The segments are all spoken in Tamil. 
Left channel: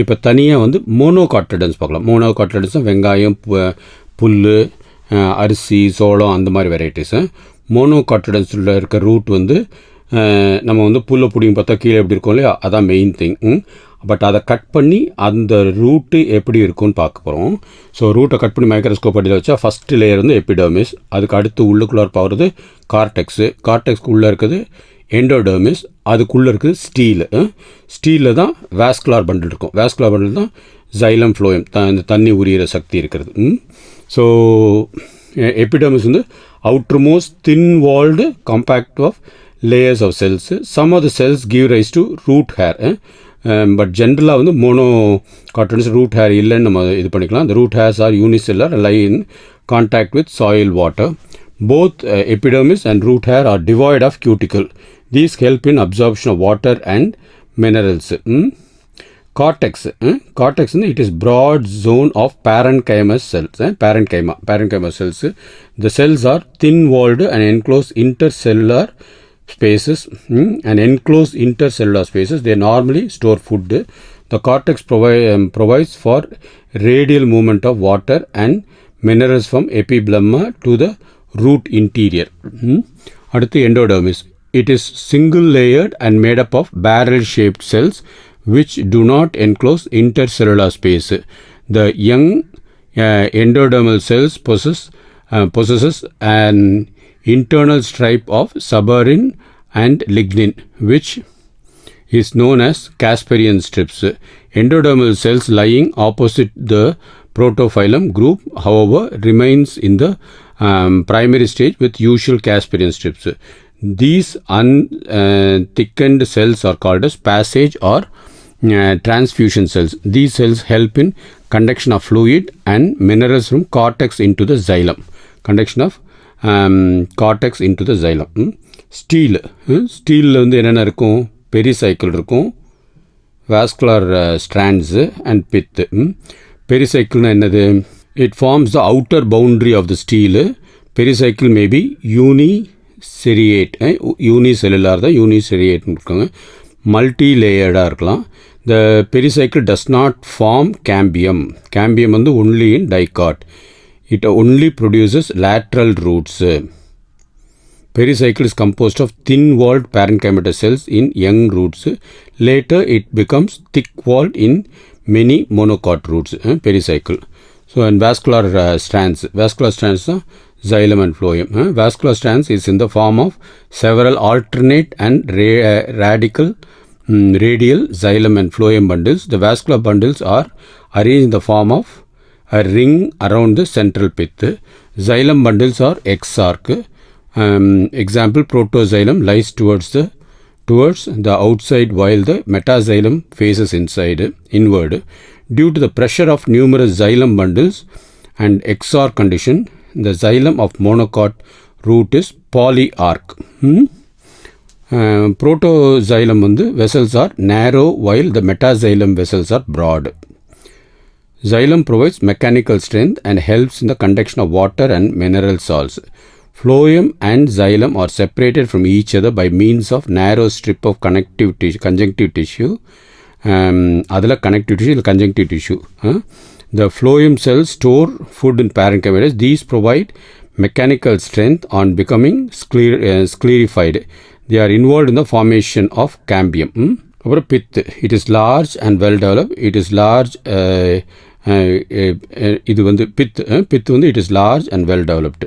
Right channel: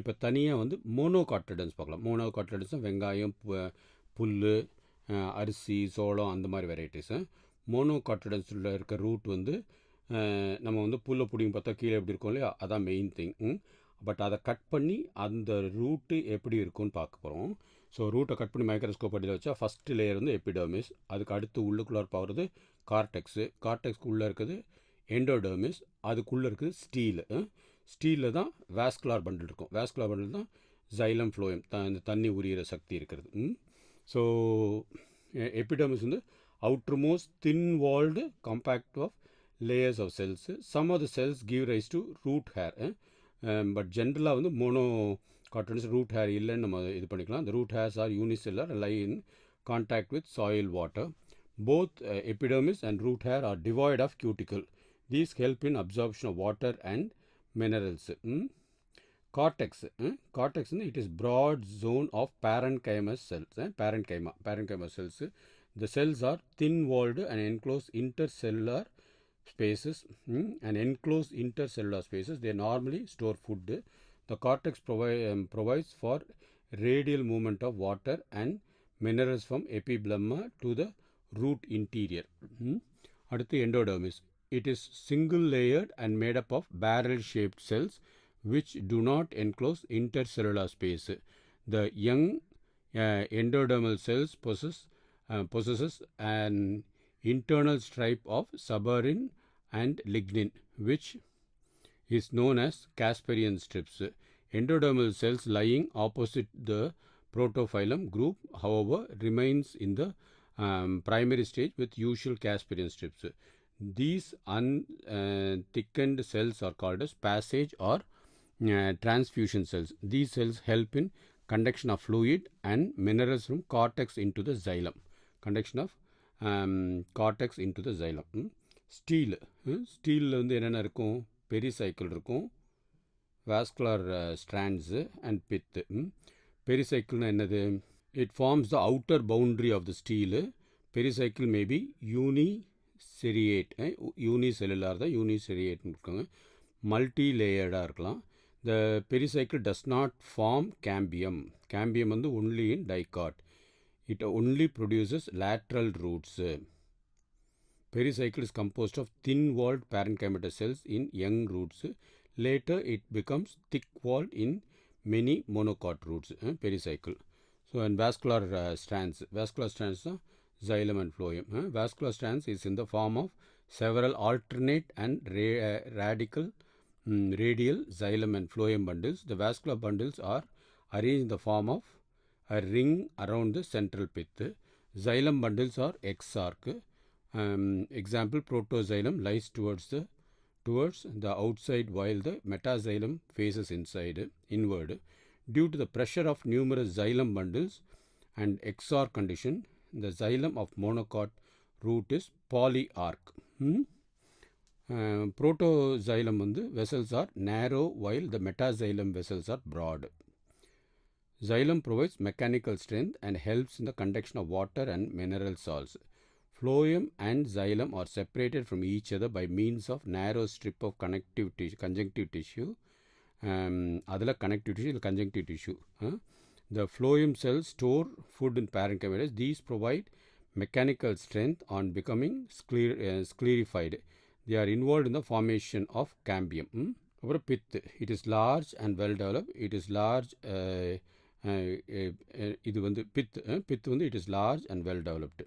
இப்போ தனியாக வந்து மோனோகாட்டிலிடன்ஸ் பார்க்கலாம். மோனோகாட்டிலிடன்ஸ் வெங்காயம், புல், அரிசி, சோளம் அந்த மாதிரி வெரைட்டிஸு. மோனோகாட்டிலிடன்ஸில் இருக்க ரூட் வந்து நம்ம வந்து புல்லை பிடிங்க பார்த்தா கீழே எப்படி இருக்கும் இல்லையா, அதான் மெயின் திங். பட் அதை கட் பண்ணி அந்த ரூட்டு எப்படி இருக்குன்னு பார்க்க போகிறோம். ஸோ ரூட்டை கட் பண்ணி மைக்ரோஸ்கோப் அடியில் வச்சா ஃபஸ்ட்டு லேயர் வந்து எபிடர்மிஸ், அதுக்கு அடுத்து உள்ளுக்குள்ளார போகிறது கார்டெக்ஸு, கார்டெக்ஸ்க்கு உள்ளே இருக்குது எண்டோடர்மிஸ், அதுக்குள்ளே இருக்குது ஸ்டீலு. ஸ்டீலில் தான் வாஸ்குலார் பண்டில் இருக்கும். வாஸ்குலார் பண்டில் தான் ஜைலம் ஃப்ளோயம், இந்த தண்ணி உரியிற சக்தி இருக்கிறது. ஸோ எபிடர்மிஸ் வந்து outermost thin walled compact of layers of cells. Some of the cells give rise to root hair. But generally வந்து monocotyledonous root hair இல்லைன்னு நம்ம இது பண்ணிக்கலாம். The root hairs are unicellular, lie in contact with soil water. Both epidermis and root hair are devoid of cuticle. These help in absorption of water and minerals. Cortex. Cortex it is broad zone of parenchymatous cells. Parenchyma cells. The cells are thin walled and enclosed intercellular spaces. And enclosed intercellular spaces, they normally store food. The cortex provides for radial movement of water and minerals from epiblemma to the root interior. அடுத்து endodermis. It is single layered and made up of barrel shaped cells which do not enclose intercellular space. The young endodermal cells possesses an internal stripe of suberin and lignin, which is known as Casparian strips. Endodermal cells lying opposite the protophyllum group, however, remains in the primary stage with usual Casparian strips. These unthickened cells are called as passage or transfusion cells. These cells help in conduction of fluid and minerals from cortex into the xylem. Conduction of cortex into the xylem. Steel. ஸ்டீலில் வந்து என்னென்ன இருக்கும்? பெரிசைக்கிள் இருக்கும், வாஸ்குலர் ஸ்ட்ராண்ட்ஸு அண்ட் பித்து. பெரிசைக்கிள்னா என்னது? It forms the outer boundary of the stele. Pericycle maybe uniseriate, unicellular தான் யூனிசெரியேட்னு இருக்காங்க. மல்டி லேயர்டாக இருக்கலாம். The pericycle does not form cambium. Cambium வந்து only in dicot. It only produces lateral roots. Pericycle is composed of thin-walled parenchymatous cells in young roots. Later, it becomes thick-walled in many monocot roots. Pericycle. So, and vascular strands. Vascular strands are xylem and phloem. Vascular strands is in the form of several alternate and radial xylem and phloem bundles. The vascular bundles are arranged in the form of a ring around the central pith. Xylem bundles are exarch. Example, protoxylem lies towards the outside while the metaxylem faces inward. Due to the pressure of numerous xylem bundles and exarch condition, the xylem of monocot root is polyarch. Protoxylem vessels are narrow while the metaxylem vessels are broad. Xylem provides mechanical strength and helps in the conduction of water and mineral salts. Phloem and xylem are separated from each other by means of narrow strip of conjunctive tissue. Adala connective tissue, conjunctive tissue. The phloem cells store food in parenchymatous. These provide mechanical strength on becoming sclerified. They are involved in the formation of cambium. அப்புறம் பித். It is large and well developed. It is large. இது வந்து பித் வந்து it is large and well developed.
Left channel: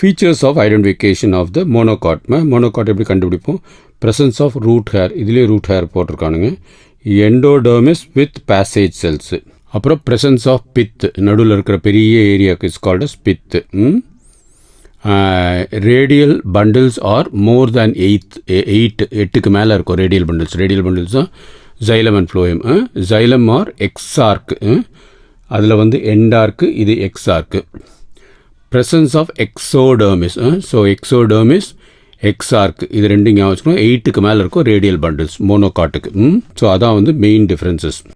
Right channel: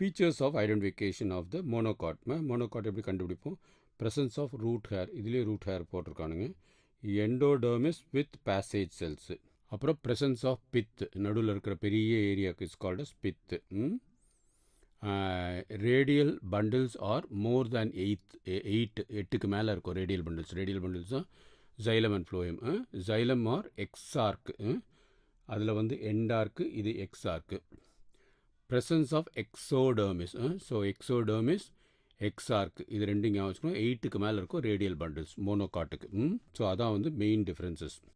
Features of identification of the monocot. monocot எப்படி கண்டுபிடிப்போம்? presence of root hair. இதுலேயே root hair போட்டிருக்கானுங்க. endodermis with passage cells. அப்புறம் presence of pith. நடுவில் இருக்கிற பெரிய ஏரியாவுக்கு is called as pith. radial bundles are more than 8க்கு மேலே இருக்கும் radial bundles. radial bundles தான் xylem and phloem. xylem or exarch. அதில் வந்து எண்டார்க்கு, இது எக்ஸார்க்கு. presence of exodermis. So exodermis, exarch இது ரெண்டும் ஞாபகம் வச்சுக்கணும். 8க்கு மேலே இருக்கும் ரேடியல் பண்டில்ஸ் மோனோகாட்டுக்கு. ஸோ அதான் வந்து மெயின் டிஃப்ரென்சஸ்.